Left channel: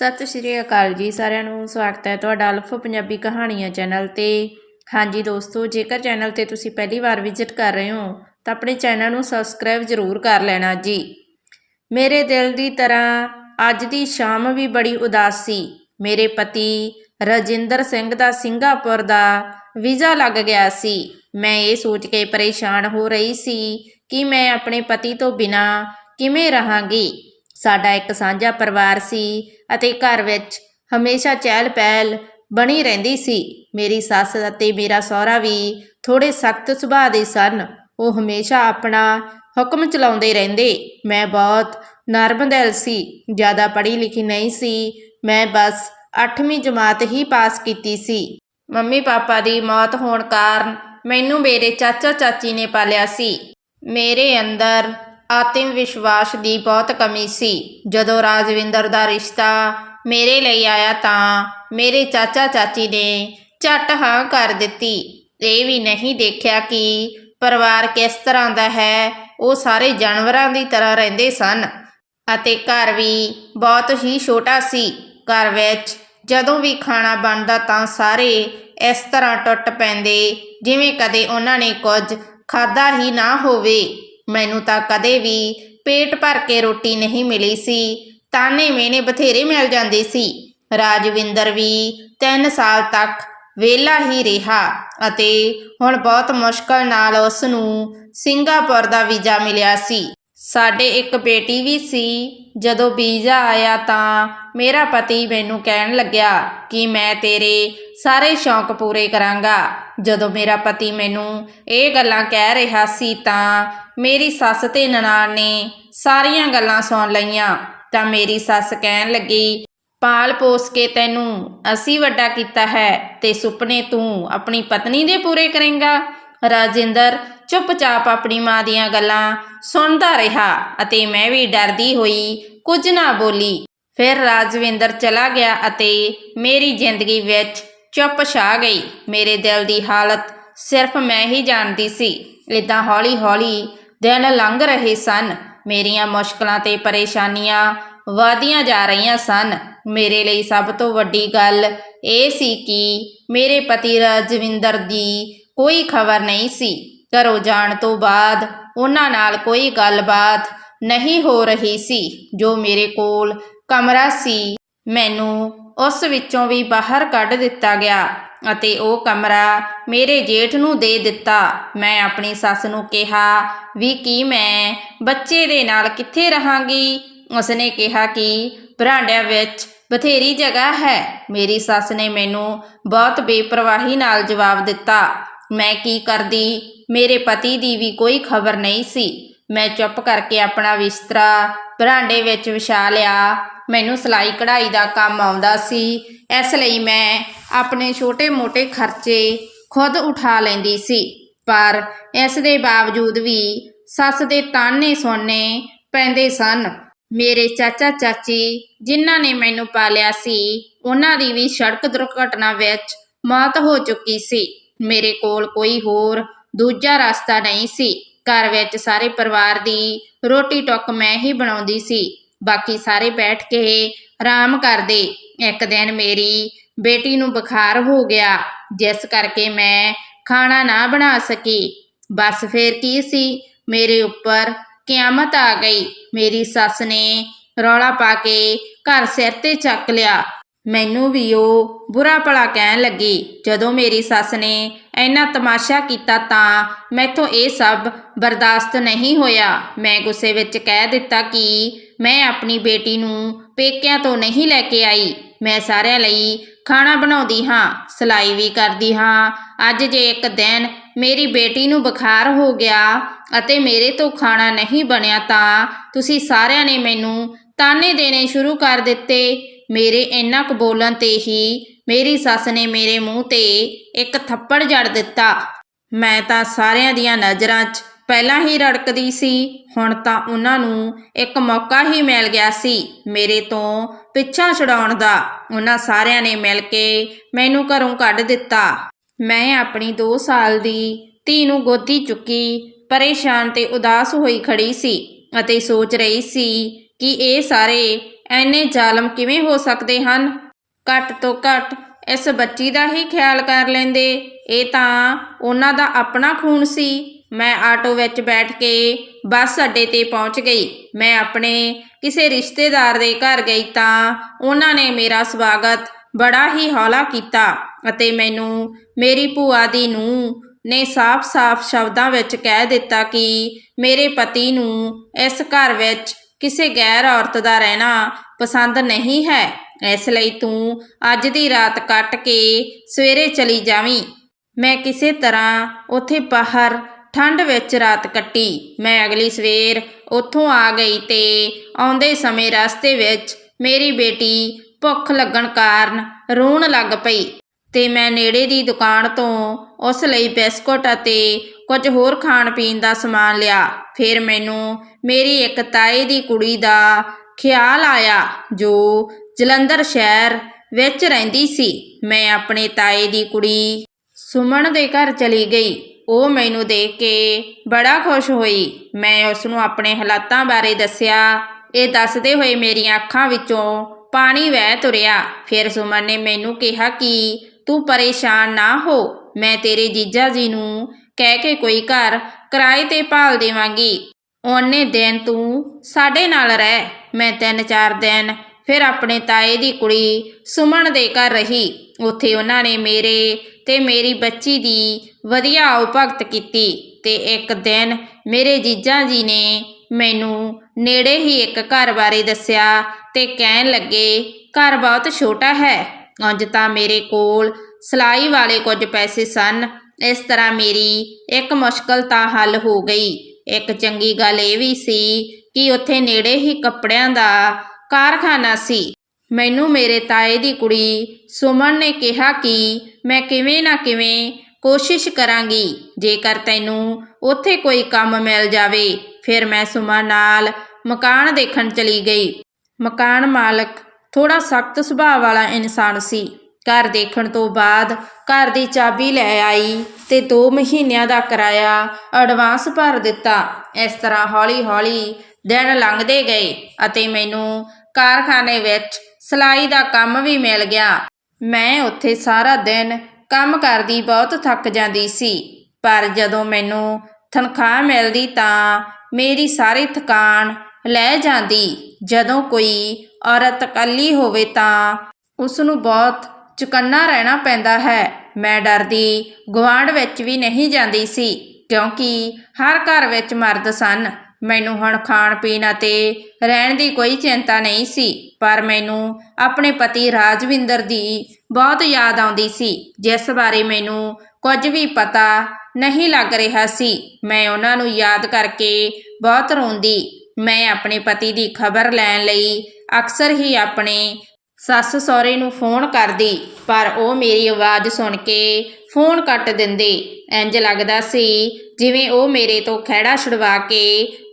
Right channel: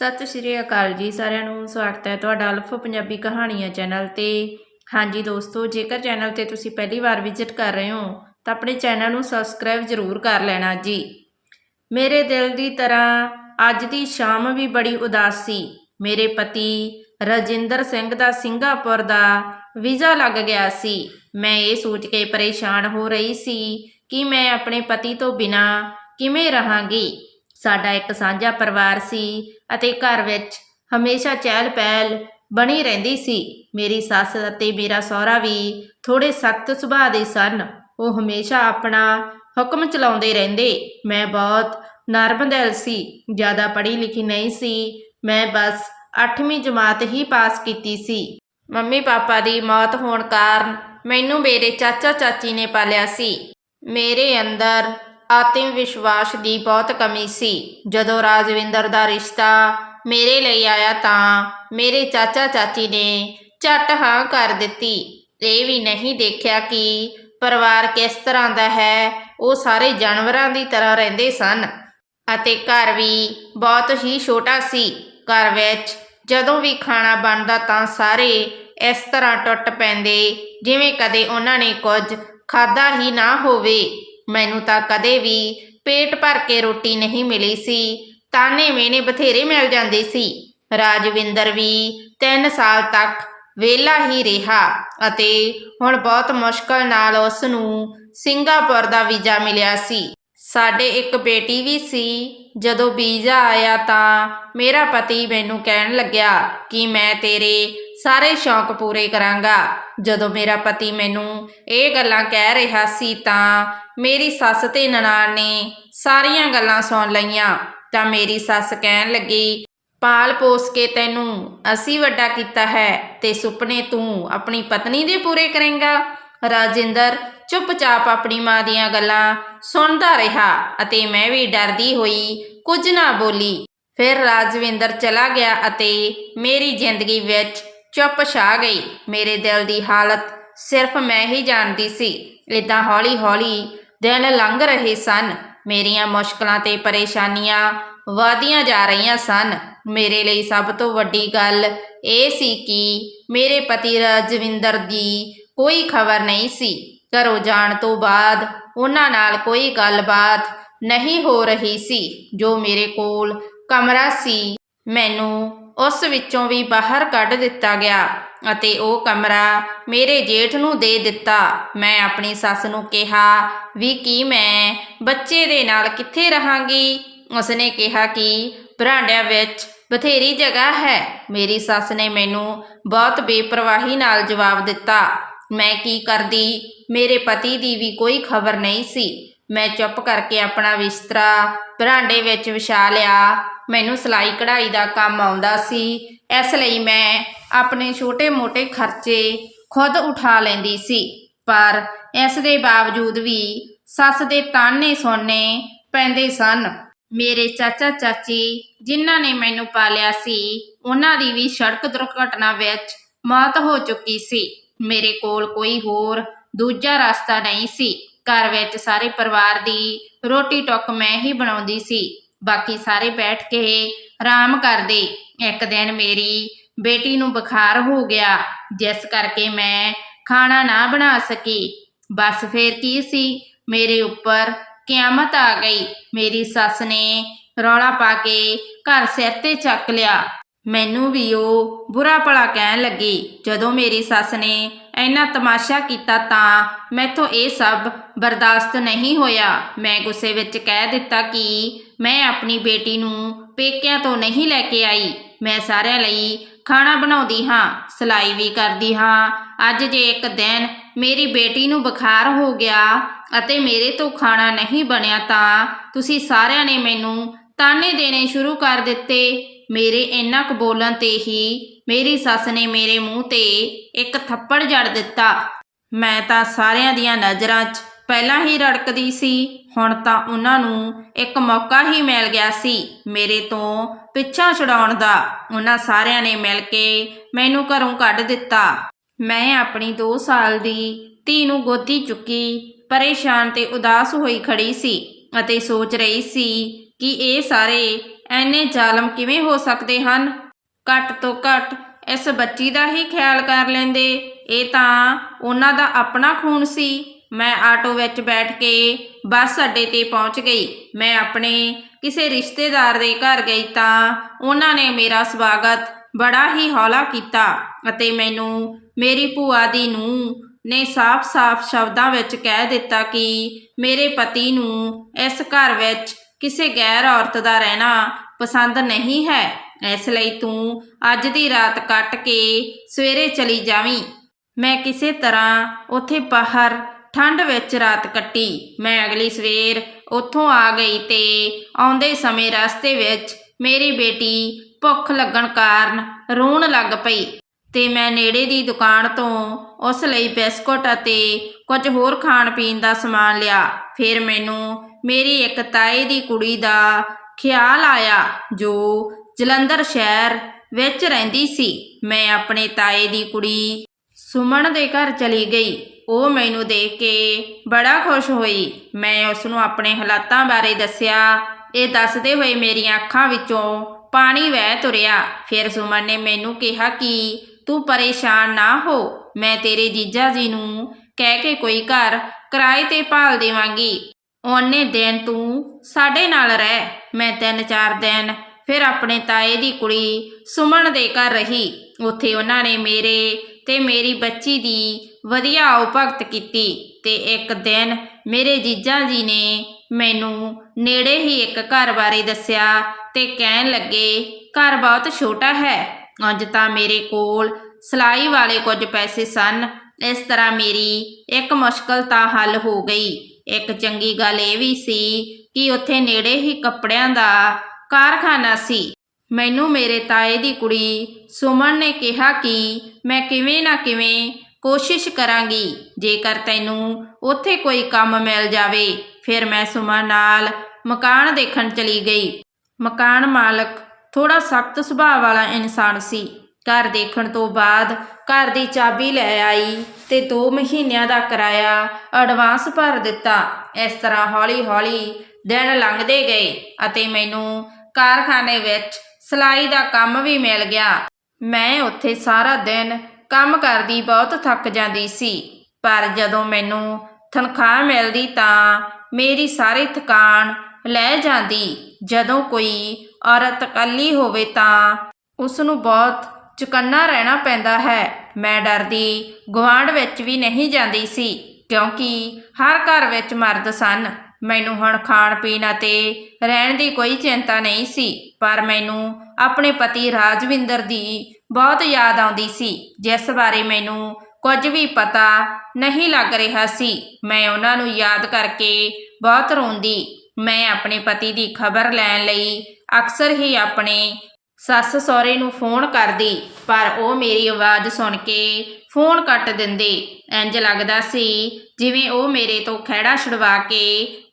ਸਤਿ ਸ਼੍ਰੀ ਅਕਾਲ ਜੀ ਸਾਰਿਆਂ ਨੂੰ, ਸਵਾਗਤ ਹੈ ਤੁਹਾਡਾ ਅਲਫ ਪੰਜਾਬੀ ਕਹਾਣੀਆਂ ਚੈਨਲ ਤੇ। ਹਾਂਜੀ ਦੋਸਤੋ, ਜੇਕਰ ਚੈਨਲ ਤੇ ਤੁਸੀਂ ਪਹਿਲੀ ਵਾਰ ਵਿਜ਼ਿਟ ਕਰ ਰਹੇ ਹੋ, ਤਾਂ ਆਪਣੇ ਚੈਨਲ ਨੂੰ ਸਬਸਕ੍ਰਾਈਬ ਜ਼ਰੂਰ ਕਰ ਲੈਣਾ ਜੀ। ਮੇਰੇ ਦਿਲ ਦੀ ਤਰ੍ਹਾਂ ਅੱਜ ਦੀ ਸ਼ਾਮ ਵੀ ਬੜੀ ਉਦਾਸ ਸੀ। ਮੇਰੇ ਪਤੀ ਰਜਿੰਦਰ ਸਿੰਘ ਦਾ ਸਿੰਗਾਪੁਰ ਦਾ ਵੀਜ਼ਾ ਲੱਗ ਗਿਆ ਸੀ। ਮੈਂ ਇਹ ਸੋਚ ਕੇ ਪਰੇਸ਼ਾਨ ਹੋ ਰਹੀ ਸੀ ਕਿ ਮੈਂ ਆਪਣੇ ਪਤੀ ਤੋਂ ਬਿਨਾ ਕਿਵੇਂ ਰਹਾਂਗੀ। ਸਾਡਾ ਇੱਕ ਸਾਂਝਾ ਪਰਿਵਾਰ ਸੀ। ਅਤੇ ਘਰ ਵਿੱਚ ਹਮੇਸ਼ਾ ਚਹਿਲ ਪਹਿਲ ਬਣੀ ਰਹਿੰਦੀ ਸੀ। ਮੇਰੀ ਸੱਸ ਅਤੇ ਮੇਰਾ ਸਹੁਰਾ ਵੀ ਥੋੜੇ ਸਖਤ ਸੁਭਾਅ ਦੇ ਸਨ। ਉਹ ਹਮੇਸ਼ਾ ਆਪਣਾ ਹੁਕਮ ਚਲਾਉਂਦੇ ਰਹਿੰਦੇ। ਮੈਂ ਬਹੁਤ ਨਰਮ ਦਿਲ ਸੀ। ਜ਼ਿਆਦਾ ਪੜ੍ਹੀ ਲਿਖੀ ਨਹੀਂ ਸੀ। ਮੈਂ ਬਸ 8ਵੀਂ ਜਮਾਤ ਹੀ ਪਾਸ ਕੀਤੀ ਸੀ। ਮੰਮੀ ਪਾਪਾ ਦੀ ਮੌਤ ਹੋਣ ਕਾਰਨ ਮੈਨੂੰ ਮੇਰੇ ਚਾਚਾ ਚਾਚੀ ਨੇ ਪਾਲਿਆ ਸੀ। ਮੇਰੇ ਅੰਦਰ ਆਤਮ ਵਿਸ਼ਵਾਸ ਦੀ ਬਹੁਤ ਕਮੀ ਸੀ। ਜਦੋਂ ਰਾਜਵਿੰਦਰ ਦਾ ਰਿਸ਼ਤਾ ਮੇਰੇ ਲਈ ਆਇਆ ਤਾਂ ਮੇਰੇ ਚਾਚਾ ਚਾਚੀ ਨੇ ਝੱਟ ਹਾਂ ਕਰ ਦਿੱਤੀ। ਇਹ ਵੀ ਨਹੀਂ ਦੇਖਿਆ ਕਿ ਪਰਿਵਾਰ ਕਿਸ ਤਰ੍ਹਾਂ ਦਾ ਹੈ, ਉਹ ਸਾਰੇ ਜਾਨਵਰਾਂ ਦੀ ਤਰ੍ਹਾਂ ਰਹਿੰਦੇ ਸਨ ਅਤੇ ਘਰ ਵੀ ਬਹੁਤ ਹੀ ਛੋਟਾ ਸੀ। ਘਰ ਵਿੱਚ ਜਦੋਂ ਵੀ ਖਾਣਾ ਬਣਦਾ ਤਾਂ ਸਾਰੇ ਇਸ ਤਰ੍ਹਾਂ ਟੁੱਟ ਪੈਂਦੇ, ਜਿਵੇਂ ਕਦੇ ਉਹਨਾਂ ਨੇ ਕੁਝ ਖਾਦਾ ਹੀ ਨਾ ਹੋਵੇ। ਮੈਨੂੰ ਤਾਂ ਕਦੇ ਵੀ ਪੇਟ ਭਰ ਕੇ ਰੋਟੀ ਨਹੀਂ ਮਿਲੀ ਸੀ। ਤਾਨੇ ਮੇਨੇ ਬਥੇਰੇ ਮਿਲ ਜਾਂਦੇ ਸੀ। ਰਾਜਵਿੰਦਰ ਵੀ 3 ਸਾਲ ਤੱਕ ਵਿਹਲਾ ਹੀ ਰਿਹਾ ਅਤੇ ਹੁਣ ਬਹੁਤ ਮੁਸ਼ਕਲ ਨਾਲ ਉਸ ਨੂੰ ਸਿੰਗਾਪੁਰ ਦਾ ਵੀਜ਼ਾ ਮਿਲਿਆ ਸੀ। ਸਾਡੇ ਇੱਕ ਬੇਟੀ ਵੀ ਸੀ। ਜਦੋਂ ਵੀਜ਼ਾ ਆਇਆ ਤਾਂ ਮੇਰਾ ਪਤੀ ਮੈਨੂੰ ਕਹਿਣ ਲੱਗਿਆ ਕਿ ਮੈਂ ਤੇਰੇ ਸਾਰੇ ਸ਼ੌਂਕ ਪੂਰੇ ਕਰਾਂਗਾ। ਜਦੋਂ ਮੇਰਾ ਪਤੀ ਮੈਨੂੰ ਇਹ ਗੱਲਾਂ ਕਹਿ ਰਿਹਾ ਸੀ ਤਾਂ ਮੇਰੀ ਸੱਸ ਤੇ ਨਨਾਣ ਨੇ ਸਾਰੀਆਂ ਗੱਲਾਂ ਸੁਣ ਲਈਆਂ, ਤਾਂ ਮੇਰੀ ਸੱਸ ਕਹਿਣ ਲੱਗੀ, ਪਾਲ ਪੋਸ ਕੇ ਤੈਨੂੰ ਅਸੀਂ ਵੱਡਾ ਕੀਤਾ ਹੈ ਤੇ ਸੁਪਨੇ ਤੂੰ ਆਪਣੀ ਪਤਨੀ ਦੇ ਪੂਰੇ ਕਰੇਂਗਾ। ਰਾਜਿੰਦਰ ਚੁੱਪਚਾਪ ਆਪਣੀ ਮਾਂ ਦੀਆਂ ਗੱਲਾਂ ਸੁਣਦਾ ਰਿਹਾ ਅਤੇ ਮੈਂ ਵੀ ਡਰਦੀ ਹੋਈ ਕੁਝ ਨਾ ਬੋਲੀ। ਫਿਰ ਰਾਜਵਿੰਦਰ ਚਲਾ ਗਿਆ ਅਤੇ ਮੇਰੀ ਜ਼ਿੰਦਗੀ ਵਿੱਚ ਚੁੱਪ ਛਾ ਗਈ। ਮੇਰੇ ਦਿਲ ਦੀ ਹਾਲਤ ਸਿਰਫ ਮੈਂ ਹੀ ਜਾਣਦੀ ਸੀ। ਇਦਾਂ ਹੌਲੀ-ਹੌਲੀ ਦਿਨ ਲੰਘ ਰਹੇ ਸਨ। ਮੇਰੀਆਂ ਮੁਸ਼ਕਲਾਂ ਤੇ ਪਰੇਸ਼ਾਨੀਆਂ ਵਧਦੀਆਂ ਜਾ ਰਹੀਆਂ ਸਨ। ਮੇਰੇ ਲਈ ਸਭ ਤੋਂ ਵੱਡੀ ਗੱਲ ਇਹ ਸੀ ਕਿ ਮੇਰੇ ਪਤੀ ਰਾਜਵਿੰਦਰ ਦੀ ਕੋਈ ਖਬਰ ਨਹੀਂ ਸੀ। ਘਰੋਂ ਜਾਣ ਤੋਂ ਬਾਅਦ ਉਹਨਾਂ ਨਾਲ ਕੋਈ ਗੱਲਬਾਤ ਨਹੀਂ ਹੋ ਰਹੀ ਸੀ, ਜੋ ਮੇਰੇ ਕੋਲ ਕਮਰਾ ਸੀ। ਮੈਨੂੰ ਉਸ ਵਿੱਚੋਂ ਵੀ ਬਾਹਰ ਕੱਢ ਦਿੱਤਾ ਗਿਆ। ਅਤੇ ਉਹ ਕਮਰਾ ਮੇਰੇ ਜੇਠ ਨੂੰ ਦੇ ਦਿੱਤਾ। ਮੈਂ ਆਪਣੀ ਸੱਸ ਨੂੰ ਕਿਹਾ, ਵੀ ਕੀ ਮੈਂ ਬੱਚੇ ਦੇ ਨਾਲ ਕਿੱਥੇ ਰਹਾਂਗੀ? ਉਸਨੇ ਕਿਹਾ ਕਿ ਬਰਾਂਡਿਆਂ ਵਿੱਚ ਬਥੇਰੀ ਜਗ੍ਹਾ ਹੈ। ਮੇਰੀ ਸੱਸ ਨੇ ਮੈਨੂੰ ਬਹੁਤ ਬੇਪਰਵਾਹੀ ਨਾਲ ਜਵਾਬ ਦਿੱਤਾ। ਮੈਂ ਕੀ ਕਰਦੀ? ਮੇਰੇ ਪਤੀ ਦੀ ਵੀ ਕੋਈ ਖਬਰ ਨਹੀਂ ਸੀ। ਮੈਂ ਚੁੱਪ ਕਰਕੇ ਆਪਣਾ ਬਿਸਤਰਾ ਬਰਾਂਡੇ ਵਿੱਚ ਵਿਛਾ ਲਿਆ। ਮੈਨੂੰ ਸਿਲਾਈ ਕਢਾਈ ਦਾ ਕੰਮ ਆਉਂਦਾ ਸੀ। ਇਸ ਲਈ ਮੈਂ ਆਪਣੇ ਛੋਟੇ-ਮੋਟੇ ਖਰਚੇ ਖੁਦ ਉਠਾ ਲੈਂਦੀ ਸੀ। ਪਰ ਇਸ ਦੇ ਬਾਵਜੂਦ ਵੀ ਸੱਸ ਦੇ ਤਾਨੇ ਸੁਣਨੇ ਪੈਂਦੇ ਸਨ। ਮੇਰੇ ਚਾਚਾ ਚਾਚੀ ਜਿਨ੍ਹਾਂ ਨੇ ਮੈਨੂੰ ਪਾਲਿਆ ਸੀ, ਉਹਨਾਂ ਦੀ ਵੀ ਸੜਕ ਦੁਰਘਟਨਾ ਵਿੱਚ ਮੌਤ ਹੋ ਚੁੱਕੀ ਸੀ। ਮੇਰੇ ਕੋਲ ਕੋਈ ਹੋਰ ਦੂਜਾ ਰਸਤਾ ਨਹੀਂ ਸੀ। ਘਰ ਵਿੱਚ ਸਾਰੇ ਪਰਿਵਾਰ ਦੀ ਰੋਟੀ ਟੁੱਕ ਮੈਂ ਹੀ ਬਣਾਉਂਦੀ ਸੀ। ਬਾਕੀ ਸਾਰੇ ਬੈਠ ਕੇ ਆਰਾਮ ਕਰਦੇ। ਇੱਕ ਦਿਨ ਮੇਰੀ ਬੇਟੀ ਨੂੰ ਬੁਖਾਰ ਹੋ ਗਿਆ, ਜਿਸ ਕਰਕੇ ਮੈਂ ਖਾਣਾ ਨਾ ਬਣਾ ਸਕੀ। ਬਸ ਫੇਰ ਕੀ ਸੀ? ਮੇਰੇ ਉੱਪਰ ਕਿਆਮਤ ਆ ਗਈ। ਮੇਰੀ ਸੱਸ ਨੇ ਰੌਲਾ ਪਾ ਕੇ ਘਰ ਸਿਰ ਤੇ ਚੱਕ ਲਿਆ। ਮੈਨੂੰ ਵੀ ਉਹ ਬੁਰਾ ਭਲਾ ਕਹਿਣ ਲੱਗੀ। ਜਦੋਂ ਮੇਰੀ ਸੱਸ ਨੇ ਇੰਨਾ ਤਮਾਸ਼ਾ ਕੀਤਾ ਤਾਂ ਮੈਥੋਂ ਇਹ ਸਭ ਬਰਦਾਸ਼ਤ ਨਹੀਂ ਹੋਇਆ। ਮੈਂ ਗੁੱਸੇ ਵਿੱਚ ਕਹਿ ਦਿੱਤਾ ਕਿ ਮੈਂ ਆਪਣੀ ਬੇਟੀ ਨੂੰ ਪੇਕਿਆਂ ਤੋਂ ਨਹੀਂ ਲੈ ਕੇ ਆਈ। ਮੈਂ ਸਾਰਿਆਂ ਲਈ ਖਾਣਾ ਬਣਾਉਂਦੀ ਹਾਂ, ਸਿਲਾਈ ਵੀ ਕਰਦੀ ਹਾਂ। ਅੱਜ ਜੇ ਇੱਕ ਦਿਨ ਮੇਰੀ ਬੇਟੀ ਨੂੰ ਬੁਖਾਰ ਹੋ ਗਿਆ ਅਤੇ ਮੇਰੇ ਤੋਂ ਖਾਣਾ ਨਹੀਂ ਬਣਿਆ ਤਾਂ ਤੁਸੀਂ ਸਾਰਿਆਂ ਨੇ ਮੈਨੂੰ ਤਾਨੇ ਦੇਣੇ ਸ਼ੁਰੂ ਕਰ ਦਿੱਤੇ। ਮੇਰੇ ਇੰਨਾ ਕੁ ਬੋਲਣ ਤੇ ਹੀ ਮੇਰੀ ਸੱਸ ਨੇ ਮੇਰੇ ਮੂੰਹ ਤੇ ਇੱਕ ਥੱਪੜ ਜੜ ਦਿੱਤਾ। ਮੈਂ ਤਾਂ ਸਾਰਿਆਂ ਦੀਆਂ ਨਜ਼ਰਾਂ 'ਚ ਪਹਿਲਾਂ ਹੀ ਰੜਕਦੀ ਸੀ, ਹੁਣ ਤਾਂ ਉਹਨਾਂ ਨੂੰ ਇੱਕ ਮੌਕਾ ਹੀ ਮਿਲ ਗਿਆ ਸੀ, ਮੇਰੇ ਤੋਂ ਪਿੱਛਾ ਛਡਾਉਣ ਦਾ। ਉਹਨਾਂ ਸਾਰਿਆਂ ਨੇ ਮਿਲ ਕੇ ਮੈਨੂੰ ਘਰੋਂ ਕੱਢ ਦਿੱਤਾ। ਮੈਂ ਆਪਣੀ 2 ਸਾਲ ਦੀ ਧੀ ਨੂੰ ਗੋਦੀ ਚੁੱਕੀ, ਪਰੇਸ਼ਾਨ ਤੇ ਉਦਾਸ ਹੋਈ ਖੜੀ ਸੀ ਅਤੇ ਸੋਚ ਰਹੀ ਸੀ ਕਿ ਇਹ ਸਾਰੇ ਐਨੇ ਜ਼ਾਲਮ ਕਿਵੇਂ ਹੋ ਸਕਦੇ ਹਨ? ਘੱਟ ਤੋਂ ਘੱਟ ਇਸ ਬੱਚੀ ਦਾ ਹੀ ਖਿਆਲ ਕਰ ਲੈਂਦੇ। ਇਹ ਤਾਂ ਉਹਨਾਂ ਦਾ ਆਪਣਾ ਖੂਨ ਸੀ। ਮੈਂ ਆਟੋ ਵਿੱਚ ਬੈਠ ਕੇ ਬੱਸ ਅੱਡੇ ਤੇ ਪਹੁੰਚ ਗਈ। ਮੈਂ ਆਪਣੇ ਕਿਸੇ ਰਿਸ਼ਤੇਦਾਰ ਦੇ ਘਰ ਗਈ ਤਾਂ ਉਹਨਾਂ ਨੇ ਮੇਰਾ ਸਵਾਗਤ ਬੜਾ ਹੀ ਹੌਲਾ ਕੀਤਾ ਅਤੇ ਮੈਨੂੰ ਮੇਰੀ ਭੂਆ ਦੀ ਨੂੰਹ ਨੇ ਸਾਫ਼-ਸਾਫ਼ ਸ਼ਬਦਾਂ ਵਿੱਚ ਕਹਿ ਦਿੱਤਾ ਕਿ ਮੇਰੇ ਪਤੀ ਨੂੰ ਇਸ ਘਰ ਵਿੱਚ ਕਿਸੇ ਗੈਰ ਔਰਤ ਦਾ ਰਹਿਣਾ ਪਸੰਦ ਨਹੀਂ ਹੈ। ਇਸ ਲਈ ਤੂੰ ਅੱਜ ਦੀ ਰਾਤ ਕੱਟ ਕੇ ਸਵੇਰੇ ਚਲੀ ਜਾਵੀਂ। ਮੈਂ ਕਿਸੇ ਤਰ੍ਹਾਂ ਉੱਥੇ ਬਾਹਰ ਠੰਡ ਵਿੱਚ ਰਾਤ ਕੱਟੀ। ਮੈਂ ਅਗਲੀ ਸਵੇਰ ਉੱਥੋਂ ਆ ਗਈ ਤੇ ਆਉਂਦੇ ਸਮੇਂ ਰਸਤੇ ਵਿੱਚ ਮੇਰੀ ਬੇਟੀ ਭੁੱਖ ਲੱਗਣ ਕਾਰਨ ਰੋਣ ਲੱਗ ਪਈ ਤੇ ਮੈਂ ਨੇੜੇ ਦੀ ਦੁਕਾਨ ਤੋਂ ਉਸ ਲਈ ਬਿਸਕੁਟ ਅਤੇ ਕੁਝ ਹੋਰ ਖਾਣ ਪੀਣ ਦਾ ਸਮਾਨ ਲਿਆ। ਫਿਰ ਮੈਨੂੰ ਮੇਰੀ ਇੱਕ ਤਾਏ ਦੀ ਕੁੜੀ ਦਾ ਖਿਆਲ ਆਇਆ ਜੋ ਜਲੰਧਰ ਸ਼ਹਿਰ ਵਿੱਚ ਰਹਿੰਦੀ ਸੀ। ਮੈਂ ਆਪਣੇ ਤਾਏ ਦੀ ਕੁੜੀ ਸੁਮਨ ਦੇ ਘਰ ਚਲੀ ਗਈ। ਉਹ ਮੈਨੂੰ ਦੇਖ ਕੇ ਬੜਾ ਖੁਸ਼ ਹੋਈ। ਮੈਂ ਉਸ ਨੂੰ ਆਪਣੇ ਹਾਲਾਤਾਂ ਬਾਰੇ ਦੱਸਿਆ। ਇਹ ਦੱਸਦੇ ਹੋਏ ਮੇਰੀਆਂ ਅੱਖਾਂ ਵਿੱਚੋਂ ਪਾਣੀ ਵਹਿ ਤੁਰਿਆ। ਫਿਰ ਸੁਮਨ ਨੇ ਮੈਨੂੰ ਕਿਹਾ ਕਿ ਤੂੰ ਪਰੇਸ਼ਾਨ ਨਾ ਹੋ। ਮੈਂ ਤੇਰੇ ਜੀਜਾ ਜੀ ਨੂੰ ਕਹਿ ਕੇ ਕੋਈ ਘਰ ਕਿਰਾਏ ਤੇ ਭਾਲ ਦੇਵਾਂਗੀ। ਉਹਨੇ ਦਿਨ ਤੂੰ ਸਾਡੇ ਨਾਲ ਰਹਿ। ਮੈਂ ਤਿੰਨ ਚਾਰ ਦਿਨ ਫਿਰ ਆਪਣੇ ਤਾਏ ਦੀ ਕੁੜੀ ਸੁਮਨ ਦੇ ਘਰ ਰਹੀ। ਉੱਥੇ ਉਹਨਾਂ ਨੇ ਮੇਰੇ ਤੇ ਮੇਰੀ ਬੱਚੀ ਦੀ ਵਧੀਆ ਆਓ ਭਗਤ ਕੀਤੀ ਤੇ ਇੱਕ ਦਿਨ ਮੇਰੇ ਜੀਜਾ ਜੀ ਨੇ ਮੈਨੂੰ ਨੇੜੇ ਹੀ ਇੱਕ ਘਰ ਬਾਰੇ ਦੱਸਿਆ ਤੇ ਕਹਿਣ ਲੱਗੇ, ਘਰ ਬਹੁਤ ਛੋਟਾ ਹੈ ਅੱਜ ਤਾਂ ਮੇਰੇ ਕੋਲ ਸਲਾਈ ਵਾਲੇ ਕੁਝ ਪੈਸੇ ਸਨ। ਇਸ ਤਰ੍ਹਾਂ ਮੇਰੀ ਇੱਕ ਮੁਸ਼ਕਲ ਤਾਂ ਹੱਲ ਹੋ ਗਈ। ਇੱਕ ਚੰਗੀ ਗੱਲ ਇਹ ਵੀ ਸੀ ਕਿ ਉੱਥੇ ਨੇੜੇ ਹੀ ਕੱਪੜਿਆਂ ਦਾ ਕਾਰਖਾਨਾ ਸੀ। ਮੈਨੂੰ ਮੇਰੇ ਤਾਏ ਦੀ ਕੁੜੀ ਸੁਮਨ ਨੇ ਕਿਹਾ ਕਿ ਮੈਂ ਕਿਵੇਂ ਨਾ ਕਿਵੇਂ ਕੋਸ਼ਿਸ਼ ਕਰਾਂਗੀ, ਜੇਕਰ ਤੈਨੂੰ ਉੱਥੇ ਕੋਈ ਕੰਮ ਮਿਲ ਜਾਵੇ। ਫਿਰ ਮੈਂ ਸੁਮਨ ਨਾਲ ਮਕਾਨ ਦੇਖਣ ਚਲੀ ਗਈ। ਮਕਾਨ ਮਾਲਕ ਥੋੜਾ ਸਖਤ ਸੁਭਾਅ ਵਾਲਾ ਇਨਸਾਨ ਸੀ। ਘਰ ਦੇਖਣ ਤੋਂ ਬਾਅਦ ਘਰ ਦੀ ਚਾਬੀ ਲੈ ਆਈ ਤੇ 2 ਮਹੀਨਿਆਂ ਦਾ ਕਿਰਾਇਆ ਐਡਵਾਂਸ ਭਰ ਦਿੱਤਾ। ਇਸ ਤਰ੍ਹਾਂ ਹੌਲੀ-ਹੌਲੀ ਦਿਨ ਲੰਘਦੇ ਗਏ ਅਤੇ ਮੈਨੂੰ ਕਾਰਖਾਨੇ ਵਿੱਚ ਸਿਲਾਈ ਦਾ ਕੰਮ ਵੀ ਮਿਲ ਗਿਆ। ਮੈਂ ਉੱਥੇ ਸਾਰਾ ਦਿਨ ਕੰਮ ਕਰਦੀ ਬਹੁਤ ਥੱਕ ਜਾਂਦੀ ਸੀ। ਪਰ ਜਦੋਂ ਮੈਨੂੰ ਤਨਖਾਹ ਮਿਲਦੀ ਤਾਂ ਮੇਰੀ ਸਾਰੀ ਥਕਾਨ ਲੈ ਜਾਂਦੀ। ਜਦੋਂ ਕੋਈ ਔਰਤ ਇਕੱਲੀ ਹੋਵੇ ਤਾਂ ਉਸ ਨੂੰ ਬਹੁਤ ਚੁਕੰਨਾ ਰਹਿਣਾ ਪੈਂਦਾ ਹੈ। ਮੈਂ ਡਰਦੀ ਗੁਆਂਢ ਵਿੱਚ ਵੀ ਨਹੀਂ ਜਾਂਦੀ ਸੀ, ਕਿਉਂਕਿ ਹਰ ਘਰ ਵਿੱਚ ਮਰਦ ਸਨ। ਮੈਨੂੰ ਹੁਣ ਖਾਣ ਪੀਣ ਅਤੇ ਰਹਿਣ ਦੀ ਕੋਈ ਚਿੰਤਾ ਨਹੀਂ ਸੀ, ਪਰ ਮੈਨੂੰ ਆਪਣੇ ਪਤੀ ਰਾਜਵਿੰਦਰ ਦੀ ਬਹੁਤ ਯਾਦ ਆਉਂਦੀ ਸੀ, ਜਿਸ ਬਾਰੇ ਮੈਨੂੰ ਕੁਝ ਵੀ ਪਤਾ ਨਹੀਂ ਲੱਗ ਰਿਹਾ ਸੀ। ਮੈਂ ਉਹਨਾਂ ਨੂੰ ਯਾਦ ਕਰਕੇ ਬਹੁਤ ਰੋਂਦੀ। ਮੈਂ ਆਪਣੇ ਪਤੀ ਦੀ ਖਬਰ ਲੈਣ ਲਈ ਅਕਸਰ ਹੀ ਆਪਣੇ ਸੱਸ ਸਹੁਰੇ ਨੂੰ ਫੋਨ ਕਰਦੀ, ਪਰ ਉਹ ਮੇਰੀ ਆਵਾਜ਼ ਸੁਣ ਕੇ ਫੋਨ ਕੱਟ ਦਿੰਦੇ। ਇੰਜ ਲੱਗਦਾ ਸੀ ਜਿਵੇਂ ਉਹ ਮੇਰੇ ਤੋਂ ਖਹਿੜਾ ਛੁਡਵਾ ਕੇ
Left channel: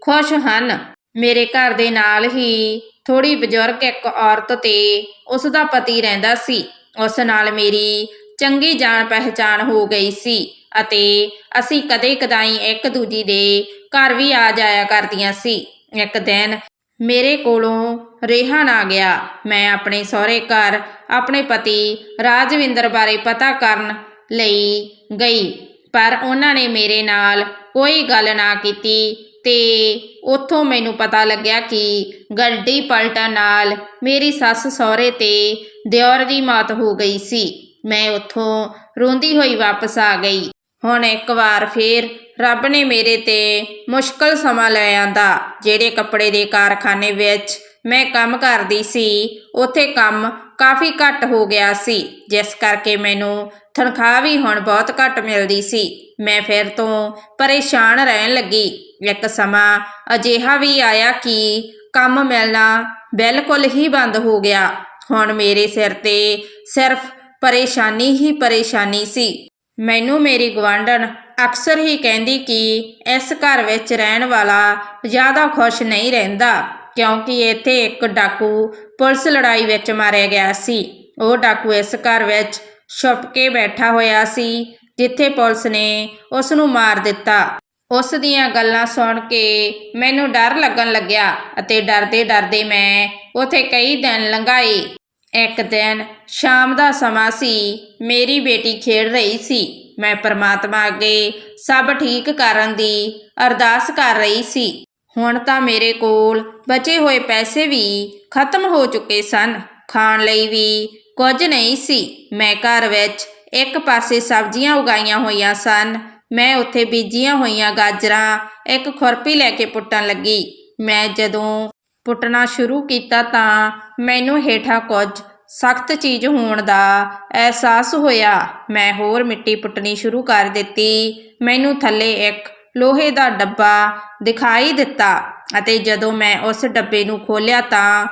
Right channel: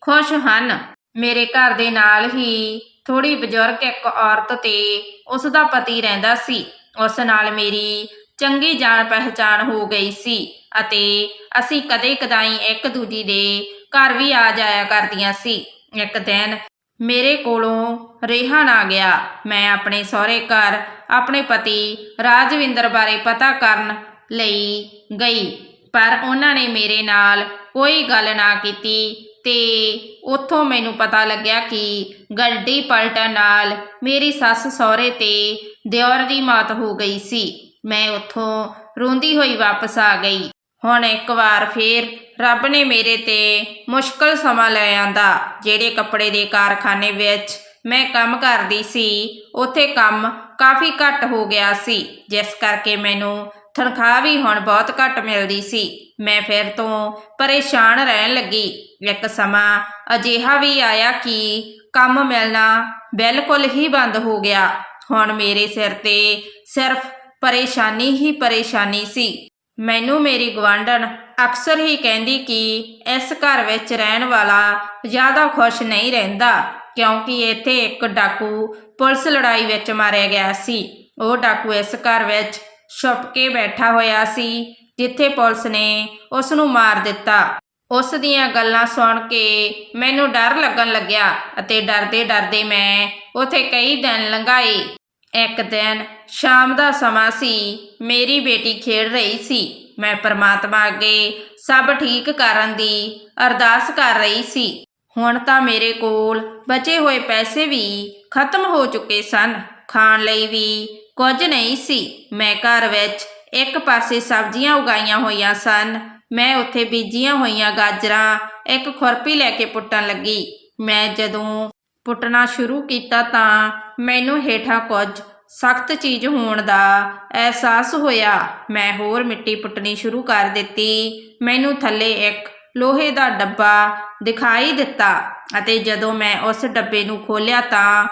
ਖੁਸ਼ ਹਨ। ਮੇਰੇ ਘਰ ਦੇ ਨਾਲ ਹੀ ਥੋੜੀ ਬਜ਼ੁਰਗ ਇੱਕ ਔਰਤ ਤੇ ਉਸ ਦਾ ਪਤੀ ਰਹਿੰਦਾ ਸੀ। ਉਸ ਨਾਲ ਮੇਰੀ ਚੰਗੀ ਜਾਣ ਪਹਿਚਾਣ ਹੋ ਗਈ ਸੀ ਅਤੇ ਅਸੀਂ ਕਦੇ ਕਦਾਈ ਇੱਕ ਦੂਜੀ ਦੇ ਘਰ ਵੀ ਆ ਜਾਇਆ ਕਰਦੀਆਂ ਸੀ। ਇੱਕ ਦਿਨ ਮੇਰੇ ਕੋਲੋਂ ਰੇਹਾਨ ਆ ਗਿਆ। ਮੈਂ ਆਪਣੇ ਸਹੁਰੇ ਘਰ ਆਪਣੇ ਪਤੀ ਰਾਜਵਿੰਦਰ ਬਾਰੇ ਪਤਾ ਕਰਨ ਲਈ ਗਈ, ਪਰ ਉਹਨਾਂ ਨੇ ਮੇਰੇ ਨਾਲ ਕੋਈ ਗੱਲ ਨਾ ਕੀਤੀ। ਤੇ ਉੱਥੋਂ ਮੈਨੂੰ ਪਤਾ ਲੱਗਿਆ ਕਿ ਗੱਡੀ ਪਲਟਣ ਨਾਲ ਮੇਰੀ ਸੱਸ ਸਹੁਰੇ ਤੇ ਦਿਓਰ ਦੀ ਮੌਤ ਹੋ ਗਈ ਸੀ। ਮੈਂ ਉੱਥੋਂ ਰੋਂਦੀ ਹੋਈ ਵਾਪਸ ਆ ਗਈ। ਹੁਣ ਇੱਕ ਵਾਰ ਫੇਰ ਰੱਬ ਨੇ ਮੇਰੇ ਤੇ ਮੁਸ਼ਕਲ ਸਮਾਂ ਲੈ ਆਂਦਾ, ਜਿਹੜੇ ਕੱਪੜੇ ਦੇ ਕਾਰਖਾਨੇ ਵਿੱਚ ਮੈਂ ਕੰਮ ਕਰਦੀ ਸੀ, ਉੱਥੇ ਕੰਮ ਕਾਫੀ ਘੱਟ ਹੋ ਗਿਆ ਸੀ, ਜਿਸ ਕਰਕੇ ਮੈਨੂੰ ਤਨਖਾਹ ਵੀ ਹੁਣ ਬਹੁਤ ਘੱਟ ਮਿਲਦੀ ਸੀ। ਮੈਂ ਫਿਰ ਤੋਂ ਪਰੇਸ਼ਾਨ ਰਹਿਣ ਲੱਗੀ। ਇੱਕ ਸਮਾਂ ਅਜਿਹਾ ਵੀ ਆਇਆ ਕਿ ਕੰਮ ਮਿਲਣਾ ਬਿਲਕੁਲ ਹੀ ਬੰਦ ਹੋ ਗਿਆ। ਹੁਣ ਮੇਰੇ ਸਿਰ ਤੇ ਸਿਰਫ ਪਰੇਸ਼ਾਨੀ ਹੀ ਪਰੇਸ਼ਾਨੀ ਸੀ। ਮੈਨੂੰ ਮੇਰੀ ਗਵਾਂਢਣ ਅਕਸਰ ਹੀ ਕਹਿੰਦੀ ਕਿ ਇਸ ਘਰ ਵਿੱਚ ਰਹਿਣ ਵਾਲਾ ਜ਼ਿਆਦਾ ਖੁਸ਼ ਨਹੀਂ ਰਹਿੰਦਾ, ਕਿਉਂਕਿ ਇੱਥੇ ਇੱਕ ਡਾਕੂ ਪੁਲਿਸ ਲੜਾਈ ਵਿੱਚ ਮਾਰਿਆ ਗਿਆ ਸੀ। ਉਹ ਡਾਕੂ ਇਸ ਘਰ ਵਿੱਚ ਛੁਪ ਕੇ ਬੈਠਾ ਹੋਇਆ ਸੀ, ਜਿੱਥੇ ਪੁਲਿਸ ਨੇ ਉਸ ਨੂੰ ਮਾਰ ਦਿੱਤਾ। ਉਸ ਦੀਆਂ ਗੱਲਾਂ ਸੁਣ ਕੇ ਮੈਨੂੰ ਡਰ ਲੱਗਣ ਲੱਗਿਆ ਅਤੇ ਡਰਦੇ ਡਰਦੇ ਮੈਂ ਉਥੇ ਕਈ ਦਿਨ ਲੰਘਾਏ। ਇੱਕ ਦਿਨ ਸ਼ਾਮ ਦਾ ਸਮਾਂ ਸੀ, ਮੇਰੀ ਬੇਟੀ ਖੇਡ ਰਹੀ ਸੀ। ਮੈਂ ਪਰਮਾਤਮਾ ਅੱਗੇ ਸਭ ਠੀਕ ਕਰਨ ਦੀ ਅਰਦਾਸ ਕਰ ਰਹੀ ਸੀ। ਹੁਣ ਤਾਂ ਮੇਰੇ ਕੋਲ ਬਚੇ ਹੋਏ ਪੈਸੇ ਵੀ ਖਤਮ ਹੋ ਚੁੱਕੇ ਸਨ। ਖਾਣ ਲਈ ਵੀ ਕੁਝ ਨਹੀਂ ਸੀ। ਮੈਂ ਘਰ ਵਿੱਚ ਇੱਕ ਪਾਸੇ ਸਬਜ਼ੀਆਂ ਉਗਾਈਆਂ ਹੋਈਆਂ ਸਨ। ਮੈਂ ਉੱਥੇ ਬੀਜੀਆਂ ਹੋਈਆਂ ਗਾਜਰਾਂ, ਇੱਕ ਖੁਰਪੀ ਲੈ ਕੇ ਪੁੱਟਣ ਲੱਗੀ। ਮੈਂ ਜਦੋਂ ਪੁੱਟਣਾ ਸ਼ੁਰੂ ਕੀਤਾ ਤਾਂ ਮੈਨੂੰ ਹੇਠਾਂ ਕੁਝ ਸਖਤ ਚੀਜ਼ ਹੋਣ ਦਾ ਅਹਿਸਾਸ ਹੋਇਆ। ਮੈਂ ਹੋਰ ਮਿੱਟੀ ਪੁੱਟਣੀ ਸ਼ੁਰੂ ਕਰ ਦਿੱਤੀ। ਮੈਨੂੰ ਥੱਲੇ ਇੱਕ ਲੋਹੇ ਦਾ ਡੱਬਾ ਦਿਖਾਈ ਦਿੱਤਾ ਅਤੇ ਜਦੋਂ ਮੈਂ ਉਸ ਡੱਬੇ ਨੂੰ ਖੋਲ੍ਹਿਆ ਤਾਂ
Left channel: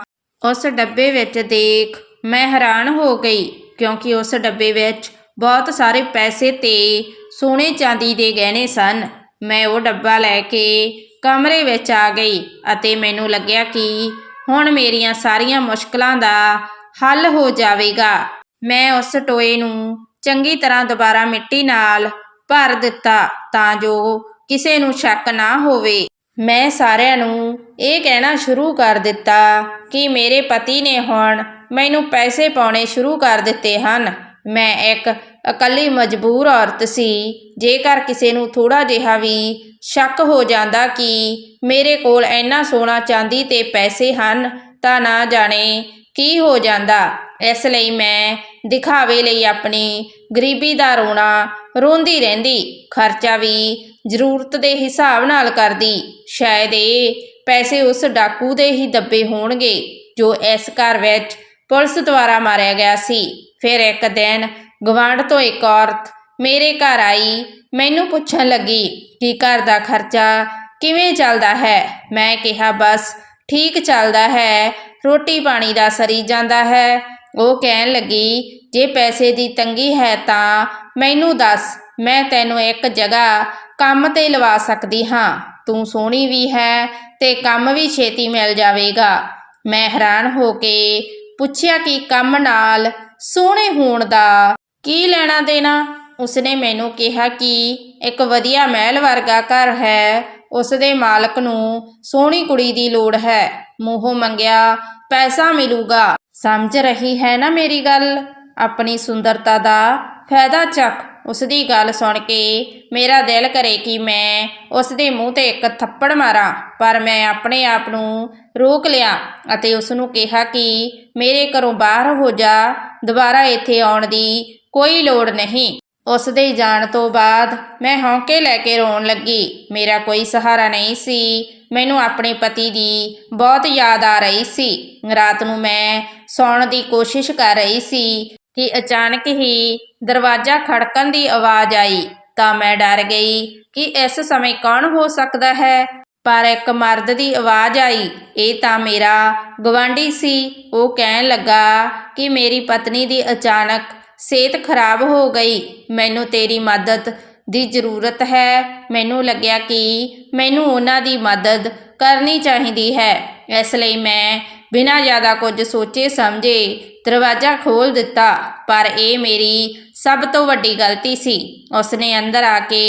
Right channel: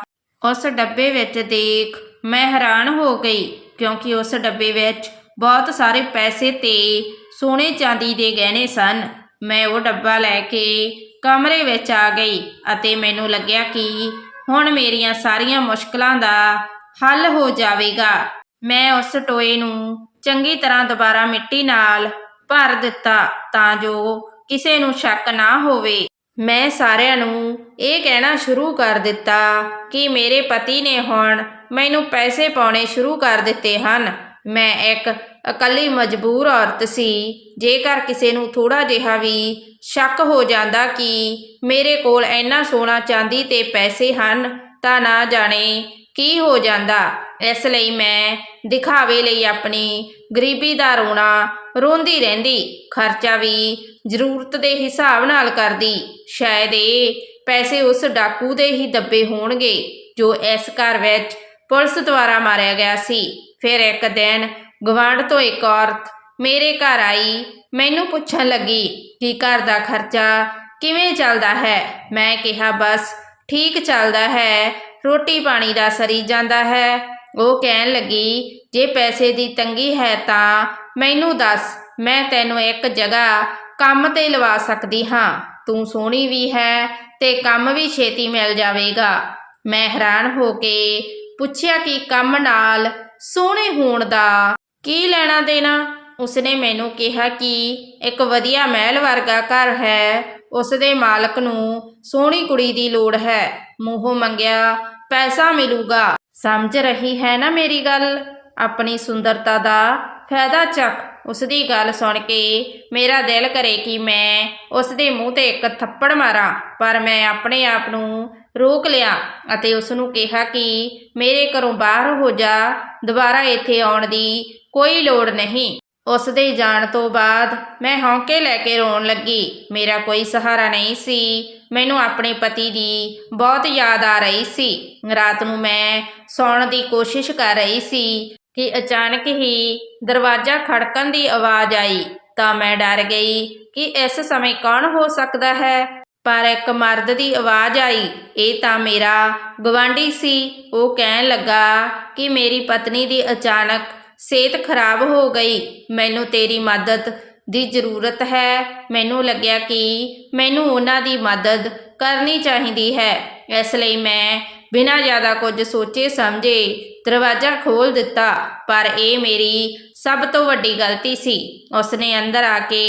ਉਸ ਡੱਬੇ ਵਿੱਚ ਦੇਖ ਮੈਂ ਹੈਰਾਨ ਹੋ ਗਈ ਕਿਉਂਕਿ ਉਸ ਡੱਬੇ ਵਿੱਚ ਬਹੁਤ ਸਾਰੇ ਪੈਸੇ ਤੇ ਸੋਨੇ ਚਾਂਦੀ ਦੇ ਗਹਿਣੇ ਸਨ। ਮੈਂ ਉਹ ਡੱਬਾ ਲੈ ਕੇ ਕਮਰੇ ਵਿੱਚ ਆ ਗਈ ਅਤੇ ਮੈਨੂੰ ਲੱਗਿਆ ਕਿ ਹੁਣ ਮੇਰੀਆਂ ਸਾਰੀਆਂ ਮੁਸ਼ਕਲਾਂ ਦਾ ਹੱਲ ਹੋ ਜਾਵੇਗਾ। ਮੈਂ ਉਸ ਟੋਏ ਨੂੰ ਚੰਗੀ ਤਰ੍ਹਾਂ ਦੁਬਾਰਾ ਮਿੱਟੀ ਨਾਲ ਭਰ ਦਿੱਤਾ ਤਾਂ ਜੋ ਕਿਸੇ ਨੂੰ ਸ਼ੱਕ ਨਾ ਹੋਵੇ। ਮੈਂ ਸਾਰਿਆਂ ਨੂੰ ਇਹ ਕਹਿਣਾ ਸ਼ੁਰੂ ਕਰ ਦਿੱਤਾ ਕਿ ਮੇਰੇ ਪਤੀ ਨੇ ਹੁਣ ਮੈਨੂੰ ਪੈਸੇ ਪਾਉਣੇ ਸ਼ੁਰੂ ਕਰ ਦਿੱਤੇ ਹਨ। ਮੈਂ ਇੱਕ ਇਕੱਲੀ ਮਜਬੂਰ ਔਰਤ ਸੀ। ਜੇਕਰ ਕਿਸੇ ਨੂੰ ਥੋੜਾ ਜਿਹਾ ਵੀ ਸ਼ੱਕ ਹੋ ਜਾਂਦਾ ਕਿ ਮੇਰੇ ਕੋਲ ਇੰਨਾ ਸੋਨਾ ਚਾਂਦੀ ਤੇ ਪੈਸੇ ਹਨ, ਤਾਂ ਨਾ ਜਾਣੇ ਕੀ ਹੋ ਜਾਂਦਾ। ਇਸ ਲਈ ਮੈਂ ਦਿਖਾਵੇ ਲਈ ਆਪਣੀ ਗਰੀਬੀ ਦਾ ਰੋਣਾ ਰੋਂਦੀ ਰਹਿੰਦੀ। ਖਰਚਾ ਵੀ ਜ਼ਰੂਰਤ ਦੇ ਹਿਸਾਬ ਨਾਲ ਕਰਦੀ। ਸ਼ਾਇਦ ਇਹ ਪੈਸੇ ਉਸ ਡਾਕੂ ਦੇ ਹੀ ਦੱਬੇ ਹੋਣਗੇ, ਜੋ ਇਸ ਘਰ ਵਿੱਚ ਪੁਲਿਸ ਦੁਆਰਾ ਮਾਰਿਆ ਗਿਆ ਸੀ। ਫਿਰ ਇੱਕ ਦਿਨ ਗਵਾਂਢ ਤੋਂ ਇੱਕ ਔਰਤ ਮੇਰੇ ਘਰ ਆਈ, ਮੈਨੂੰ ਪੁੱਛਣ ਲੱਗੀ ਕਿ ਘਰ ਦਾ ਖਰਚਾ ਕਿਵੇਂ ਚੱਲਦਾ ਹੈ? ਮੈਂ ਕਿਹਾ, ਬਸ ਠੀਕ ਚੱਲਦਾ ਹੈ, ਰੋਟੀ ਪਾਣੀ ਦਾ ਸਰੀ ਜਾਂਦਾ ਹੈ। ਉਹ ਕਹਿਣ ਲੱਗੀ, ਜੇ ਪੈਸੇ ਦੀ ਤੰਗੀ ਹੈ ਤਾਂ ਮੈਨੂੰ ਦੱਸ, ਮੈਂ ਤੈਨੂੰ ਇੱਕ ਜਗ੍ਹਾ ਕੰਮ ਤੇ ਲਵਾ ਸਕਦੀ ਹਾਂ। ਤੂੰ ਸੋਹਣੀ ਵੀ ਹੈ ਤੇ ਕੰਮ ਵੀ ਛੇਤੀ ਮਿਲ ਜਾਵੇਗਾ। ਮੈਂ ਹੈਰਾਨ ਹੋ ਕੇ ਪੁੱਛਿਆ ਕਿ ਕੰਮ ਨਾਲ ਸੋਹਣੇ ਹੋਣ ਦਾ ਕੀ ਲੈਣਾ ਦੇਣਾ? ਉਸਨੇ ਮੈਨੂੰ ਕਿਹਾ ਕਿ ਇੱਕ ਵਧੀਆ ਮਹਿਲ ਵਰਗਾ ਘਰ ਹੈ। ਉਸ ਦੇ ਮਾਲਕ ਨੂੰ ਸੋਹਣੀ ਕੁੜੀ ਦੀ ਲੋੜ ਹੈ। ਮੂੰਹੋਂ ਮੰਗਿਆ, ਪੈਸਾ ਮਿਲੂਗਾ। ਸਮਝ ਰਹੀ ਹੈ ਨਾ ਮੇਰੀ ਗੱਲ? ਆਪਣੀ ਸੁੰਦਰਤਾ ਦਾ ਫਾਇਦਾ ਚੱਕ। ਉਸ ਦੀ ਗੱਲ ਸੁਣ ਕੇ ਮੇਰਾ ਦਿਲ ਕਰੇ ਕਿ ਮੈਂ ਉਸ ਦੇ ਮੂੰਹ ਤੇ ਇੱਕ ਥੱਪੜ ਮਾਰਾਂ, ਪਰ ਮੈਂ ਆਪਣੇ ਆਪ ਨੂੰ ਰੋਕ ਲਿਆ ਅਤੇ ਉਸ ਨੂੰ ਕਿਹਾ ਕਿ ਮੇਰੇ ਘਰੋਂ ਬਾਹਰ ਹੋ ਜਾ, ਦੁਬਾਰਾ ਇੱਥੇ ਆਉਣ ਦੀ ਕੋਈ ਲੋੜ ਨਹੀਂ। ਉਸ ਦੇ ਜਾਣ ਤੋਂ ਬਾਅਦ ਮੈਂ ਹੌਂਕੇ ਲੈ ਕੇ ਰੋਣ ਲੱਗੀ। ਮੇਰਾ ਕੋਈ ਸਹਾਰਾ ਨਹੀਂ ਸੀ। ਮੈਨੂੰ ਆਪਣੇ ਪਤੀ ਦੀ ਬਹੁਤ ਯਾਦ ਆ ਰਹੀ ਸੀ। ਰਾਤ ਨੂੰ ਮੈਂ ਸੌਣ ਦੀ ਕੋਸ਼ਿਸ਼ ਕਰ ਰਹੀ ਸੀ। ਕਿ ਅਚਾਨਕ ਹੀ ਦਰਵਾਜ਼ਾ ਖੜਕਣ ਦੀ ਆਵਾਜ਼ ਆਈ ਤਾਂ ਮੈਂ ਡਰ ਗਈ ਕਿ ਇਸ ਸਮੇਂ ਕੌਣ ਹੋ ਸਕਦਾ ਹੈ। ਪਰ ਇੱਕ ਮਰਦ ਦੀ ਆਵਾਜ਼ ਆਈ, ਇਹ ਤਾਂ ਮੇਰਾ ਗਵਾਂਢੀ ਸੀ। ਉਹ ਕਹਿਣ ਲੱਗਾ ਕਿ ਮੇਰੀ ਪਤਨੀ ਦੀ ਅਚਾਨਕ ਸਿਹਤ ਖਰਾਬ ਹੋ ਗਈ। ਮੈਨੂੰ ਤੇਰੀ ਮਦਦ ਦੀ ਜ਼ਰੂਰਤ ਹੈ। ਮੈਨੂੰ ਲੱਗਿਆ ਕਿ ਮੈਨੂੰ ਉਹਨਾਂ ਦੀ ਮਦਦ ਕਰਨੀ ਚਾਹੀਦੀ ਹੈ। ਇਸ ਲਈ ਮੈਂ ਬਿਨਾਂ ਜ਼ਿਆਦਾ ਕੁਝ ਸੋਚੇ ਸਮਝੇ ਦਰਵਾਜ਼ਾ ਖੋਲ ਦਿੱਤਾ, ਪਰ ਇਹ ਮੇਰੀ ਸਭ ਤੋਂ ਵੱਡੀ ਗਲਤੀ ਸੀ। ਉਸਨੇ ਅੰਦਰ ਆ ਕੇ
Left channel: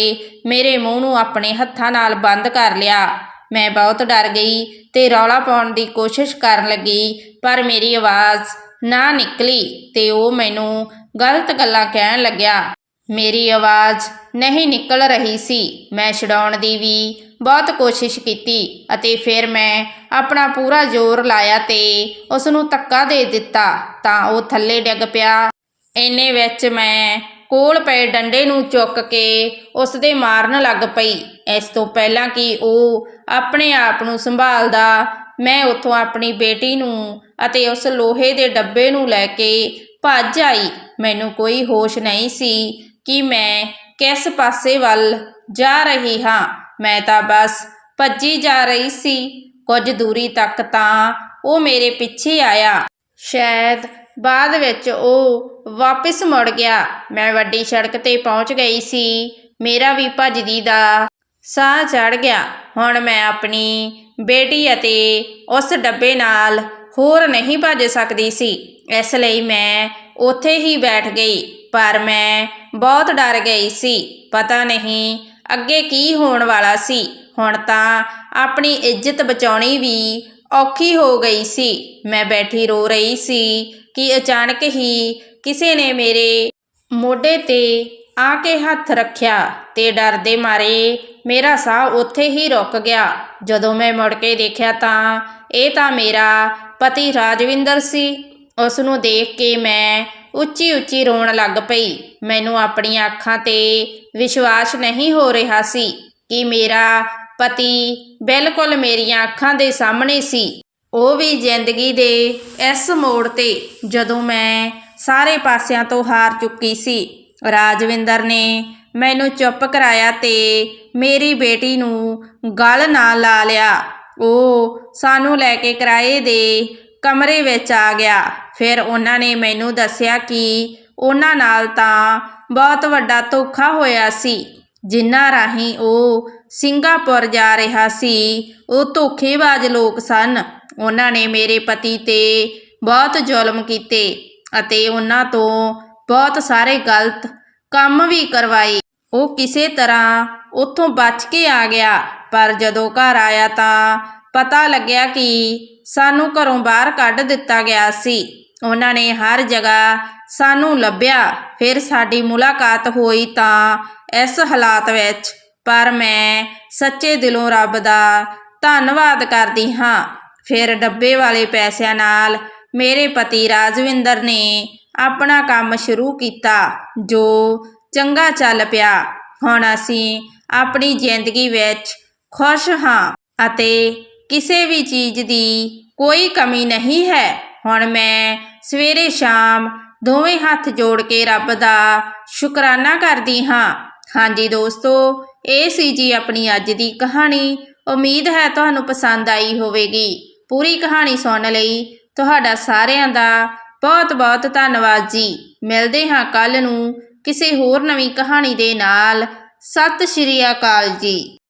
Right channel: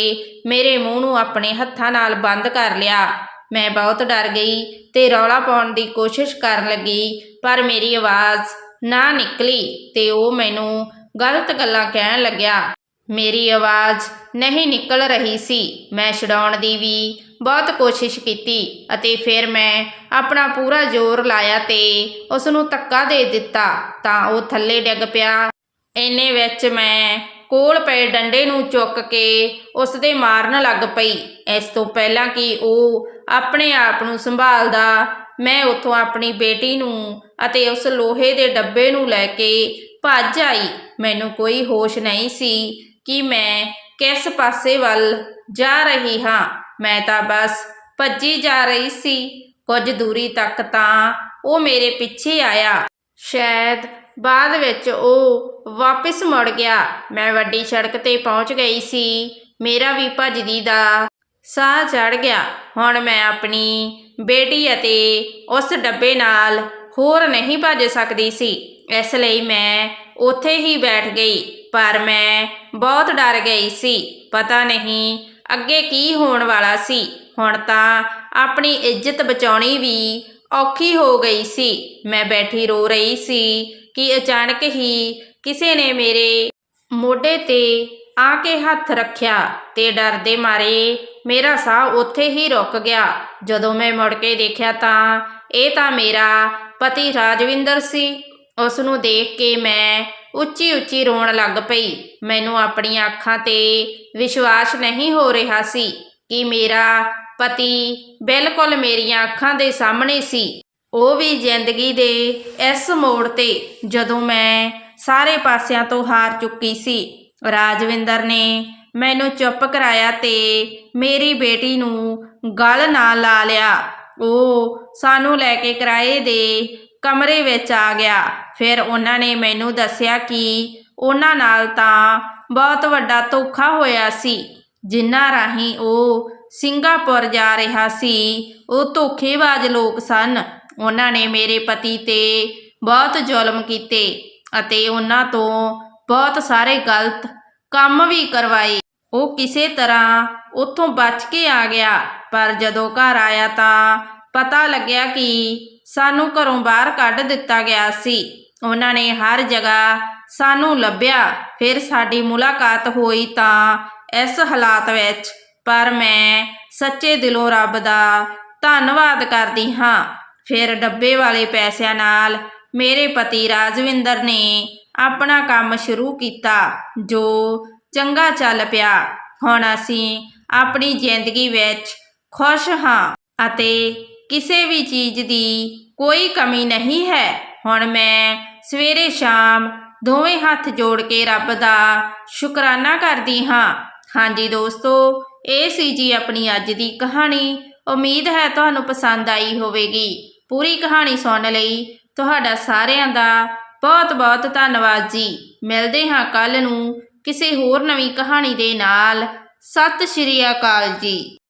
ਮੇਰੇ ਮੂੰਹ ਨੂੰ ਆਪਣੇ ਹੱਥਾਂ ਨਾਲ ਬੰਦ ਕਰ ਲਿਆ। ਮੈਂ ਬਹੁਤ ਡਰ ਗਈ ਤੇ ਰੌਲਾ ਪਾਉਣ ਦੀ ਕੋਸ਼ਿਸ਼ ਕਰਨ ਲੱਗੀ, ਪਰ ਮੇਰੀ ਆਵਾਜ਼ ਨਾ ਨਿਕਲੀ ਤੇ ਉਹ ਮੈਨੂੰ ਗਲਤ ਗੱਲਾਂ ਕਹਿਣ ਲੱਗਿਆ। ਮੇਰੀ ਆਵਾਜ਼ ਨਹੀਂ ਨਿਕਲ ਰਹੀ ਸੀ। ਮੈਂ ਛਡਾਉਣ ਦੀ ਵੀ ਬਹੁਤ ਕੋਸ਼ਿਸ਼ ਕੀਤੀ ਅਤੇ ਫਿਰ ਮੈਂ ਆਪਣਾ ਪੂਰਾ ਜ਼ੋਰ ਲਾਇਆ ਤੇ ਉਸ ਨੂੰ ਧੱਕਾ ਦੇ ਦਿੱਤਾ ਤਾਂ ਉਹ ਥੱਲੇ ਡਿੱਗ ਪਿਆ। ਇੰਨੇ ਵਿੱਚ ਮੈਂ ਕੋਲ ਪਏ ਡੰਡੇ ਨੂੰ ਚੁੱਕ ਕੇ ਉਸ ਦੇ ਮਾਰਨ ਲੱਗ ਪਈ। ਇਸ ਤੋਂ ਪਹਿਲਾਂ ਕਿ ਉਹ ਆਪਣੇ ਆਪ ਨੂੰ ਸੰਭਾਲਦਾ, ਮੈਂ ਉੱਥੋਂ ਆਪਣੀ ਬੇਟੀ ਨੂੰ ਅਤੇ ਉਸ ਲੋਹੇ ਦੇ ਡੱਬੇ ਨੂੰ ਲੈ ਕੇ ਭੱਜ ਆਈ। ਮੈਨੂੰ ਕੋਈ ਹੋਸ਼ ਨਹੀਂ ਸੀ ਕਿ ਮੈਂ ਕਿਸ ਪਾਸੇ ਵੱਲ ਜਾ ਰਹੀ ਹਾਂ? ਮੈਂ ਤਾਂ ਬਸ ਭੱਜੀ ਜਾ ਰਹੀ ਸੀ। ਕੁਝ ਦੂਰੀ ਤੱਕ ਤਾਂ ਉਹ ਮੇਰੇ ਪਿੱਛੇ ਆਇਆ। ਸ਼ਾਇਦ ਬਾਅਦ ਵਿੱਚ ਉਹ ਵਾਪਸ ਮੁੜ ਗਿਆ। ਮੈਂ ਵੱਡੀ ਸੜਕ ਤੇ ਪਹੁੰਚ ਗਈ ਸੀ। ਮੇਰਾ ਵੀ ਭੱਜਦੀ ਦਾ ਸਾਹ ਚੜ ਗਿਆ। ਹੁਣ ਮੈਂ ਆਪਣੀ ਬੇਟੀ ਅਤੇ ਉਸ ਡੱਬੇ ਨਾਲ ਹੋਰ ਨਹੀਂ ਭੱਜ ਸਕਦੀ ਸੀ। ਇਸ ਲਈ ਮੈਂ ਉੱਥੇ ਹੀ ਬੈਠ ਗਈ। ਪਰ ਮੈਂ ਬਹੁਤ ਡਰ ਗਈ ਸੀ। ਪਤਾ ਨਹੀਂ ਅੱਗੇ ਕੀ ਹੋਣ ਵਾਲਾ ਸੀ। ਹੁਣ ਤਾਂ ਆਪਣੀ ਇੱਜ਼ਤ ਬਚਾਉਣੀ ਵੀ ਔਖੀ ਹੋ ਗਈ ਸੀ। ਮੈਂ ਬੈਠੀ ਰੋ ਰਹੀ ਸੀ ਕਿ ਅਚਾਨਕ ਹੀ ਕਿਸੇ ਨੇ ਮੇਰੇ ਮੋਢੇ ਤੇ ਆ ਕੇ ਹੱਥ ਰੱਖਿਆ ਤੇ ਡਰ ਦੇ ਮਾਰੇ ਮੇਰਾ ਸਾਹ ਉੱਥੇ ਹੀ ਰੁਕ ਗਿਆ। ਜਦੋਂ ਮੈਂ ਮੁੜ ਕੇ ਦੇਖਿਆ ਤਾਂ ਇਹ ਤਾਂ ਮੇਰਾ ਪਤੀ ਰਾਜਵਿੰਦਰ ਸੀ। ਉਸ ਨੂੰ ਦੇਖ ਕੇ ਮੈਂ ਉੱਚੀ ਉੱਚੀ ਰੋਣ ਲੱਗ ਪਈ। ਮੈਨੂੰ ਆਪਣੀਆਂ ਅੱਖਾਂ ਤੇ ਵਿਸ਼ਵਾਸ ਨਹੀਂ ਹੋ ਰਿਹਾ ਸੀ ਕਿ ਮੇਰਾ ਪਤੀ ਬਿਲਕੁਲ ਮੇਰੀਆਂ ਅੱਖਾਂ ਦੇ ਸਾਹਮਣੇ ਸੀ। ਉਹ ਵੀ ਜ਼ਿੰਦਗੀ ਦੇ ਇਸ ਮੋੜ ਤੇ ਜਦੋਂ ਮੈਂ ਸਾਰੇ ਪਾਸਿਆਂ ਤੋਂ ਹਾਰ ਚੁੱਕੀ ਸੀ। ਰਾਜਵਿੰਦਰ ਨੇ ਮੈਨੂੰ ਚੁੱਪ ਕਰਾਇਆ ਤੇ ਮੇਰੀ ਬੇਟੀ ਨੂੰ ਗਲ ਨਾਲ ਲਾ ਲਿਆ। ਉਹ ਸਾਨੂੰ ਲੈ ਕੇ ਕਿਰਾਏ ਦੇ ਕਮਰੇ ਵਿੱਚ ਆ ਗਿਆ। ਫਿਰ ਉਹਨਾਂ ਨੇ ਮੈਨੂੰ ਦੱਸਿਆ ਕਿ ਉਹਨਾਂ ਨਾਲ ਤਾਂ ਬਹੁਤ ਵੱਡਾ ਧੋਖਾ ਹੋਇਆ ਸੀ। ਜਿਨ੍ਹਾਂ ਰਾਹੀਂ ਉਹ ਸਿੰਗਾਪੁਰ ਜਾ ਰਿਹਾ ਸੀ। ਉਹ ਧੋਖੇਬਾਜ਼ ਲੋਕ ਸਨ। ਉਹਨਾਂ ਨੇ ਮੇਰੇ ਪਤੀ ਤੇ ਬਹੁਤ ਜ਼ੁਲਮ ਕੀਤੇ ਅਤੇ ਉਹਨਾਂ ਤੋਂ ਬਹੁਤ ਸਾਰੇ ਗਲਤ ਕੰਮ ਵੀ ਕਰਵਾਏ। ਉਹ ਕਿਸੇ ਤਰ੍ਹਾਂ ਉੱਥੋਂ ਬਚ ਕੇ ਆ ਗਿਆ। ਪਰ ਜਦੋਂ ਘਰ ਆਇਆ ਤਾਂ ਪਤਾ ਲੱਗਿਆ ਕਿ ਸਾਨੂੰ ਘਰੋਂ ਬਾਹਰ ਕੱਢ ਦਿੱਤਾ ਗਿਆ ਸੀ। ਉਹਨਾਂ ਨੇ ਹਰ ਜਗ੍ਹਾ ਸਾਨੂੰ ਲੱਭਿਆ, ਫਿਰ ਸਾਡੀ ਮੁਲਾਕਾਤ ਹੋਈ ਤਾਂ ਇਸ ਹਾਲਾਤ ਵਿੱਚ, ਪਰ ਮੈਂ ਸੱਚੇ ਦਿਲੋਂ ਰੱਬ ਦਾ ਧੰਨਵਾਦ ਕਰਦੀ ਹਾਂ। ਫਿਰ ਡੱਬੇ ਵਾਲੇ ਪੈਸਿਆਂ ਨਾਲ ਮੇਰੇ ਪਤੀ ਰਾਜਵਿੰਦਰ ਨੇ ਆਪਣਾ ਕੰਮ ਸ਼ੁਰੂ ਕੀਤਾ, ਜੋ ਚੰਗਾ ਚੱਲ ਪਿਆ। ਹੁਣ ਅਸੀਂ ਆਪਣੀ ਜ਼ਿੰਦਗੀ ਵਿੱਚ ਖੁਸ਼ ਹਾਂ ਅਤੇ ਕਿਸੇ ਵੀ ਚੀਜ਼ ਦੀ ਕੋਈ ਕਮੀ ਨਹੀਂ ਹੈ। ਹੁਣ ਮੈਂ ਸਵੇਰੇ ਸ਼ਾਮ ਦੋਵੇਂ ਹੱਥ ਜੋੜ ਕੇ ਰੱਬ ਦਾ ਸ਼ੁਕਰਾਨਾ ਕਰਦੀ ਹਾਂ। ਹਾਂਜੀ ਦੋਸਤੋ, ਇਹ ਸੀ ਜੀ ਆਪਣੀ ਅੱਜ ਦੀ ਕਹਾਣੀ। ਉਮੀਦ ਹੈ ਤੁਹਾਨੂੰ ਪਸੰਦ ਆਈ ਹੋਵੇਗੀ। ਪੂਰੀ ਕਹਾਣੀ ਸੁਣਨ ਲਈ ਤੁਹਾਡਾ ਸਾਰਿਆਂ ਦਾ ਬਹੁਤ ਬਹੁਤ ਧੰਨਵਾਦ ਜੀ। ਮਿਲਦੇ ਹਾਂ ਕੱਲ ਨੂੰ ਕਿਸੇ ਹੋਰ ਨਵੀਂ ਕਹਾਣੀ ਦੇ ਨਾਲ। ਸਤਿ ਸ਼੍ਰੀ ਅਕਾਲ ਜੀ।